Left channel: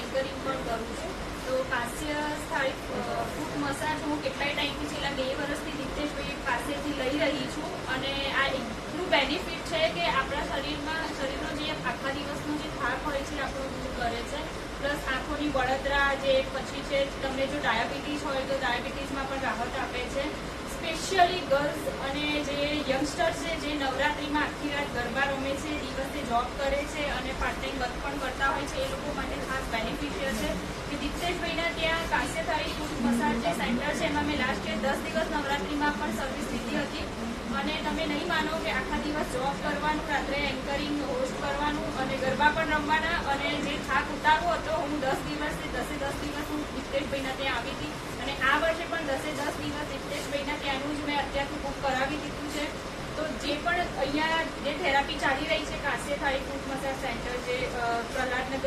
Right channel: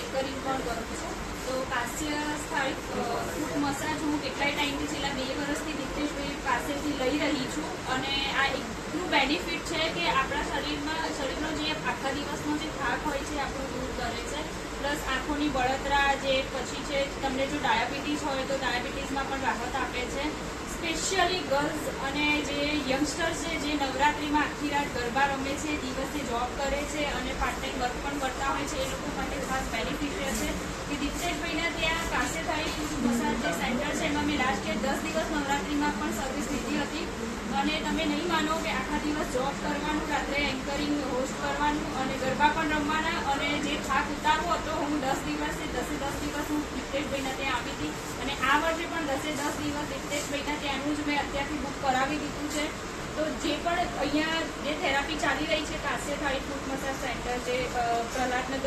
Anchoring પણ કરું છું. તો કાશ્ય સ્થાયી ફૂટ મસાજ હું કેટલાય ટાઈમથી છેલ્લા 2 વર્ષથી દિપ્તેશભાઈ પાસેથી લઈ રહી છું. અને આ એટલું બેનિફિટ છે કે આપણા શરીરનો જે આખા દિવસનો જે થાક હોય છે આપણો દૂર કરે છે. પ્લસ આંખોની બળતરા, જે પછી છે તમને જો ડાયાબિટીસ હોય તો ડાયાબિટીસમાં પણ રાહત આપે છે. સ્પેશિયલી ગર્લ્સ અને જે યંગસ્ટર્સ છે જે નવરાત્રિમાં આખી રાત ગરબા રમે છે, દિવસે જોબ કરે છે અને પાર્ટ ટાઈમ વર્ક પણ કરતા હોય છે, એ લોકો માટે ખાસ બેનિફિશિયલ છે કે દિપ્તેશભાઈના ત્યાં કાશ્યધારી ફૂટ મસાજ જે સેન્ટર છે એમાં મેં લાસ્ટ યર 10 દિવસ નવરાત્રિમાં પણ સર્વિસ લીધી હતી. અને તમે નહીં માનો કે આખા દિવસ જોબ કરવાનું, રાત્રે એન્કરિંગ હોસ્ટ કરવાનું અને ગરબા પણ રમવાના, અને જે થાક ઉતારવો હતો હું 10 દિવસથી 10 દિવસ હું દિપ્તેશભાઈના ત્યાં આવી હતી. અને આ વર્ષે પણ 10 દિવસ દિપ્તેશભાઈના ત્યાંનું જ મેં અત્યારથી બુક કરાવી દીધું છે. તો જે પણ અહીંયા જે થેરાપી ચાલી રહી છે કાશ્યધારી ફૂટ મસાજ સેન્ટર જે પ્રહલાદનગર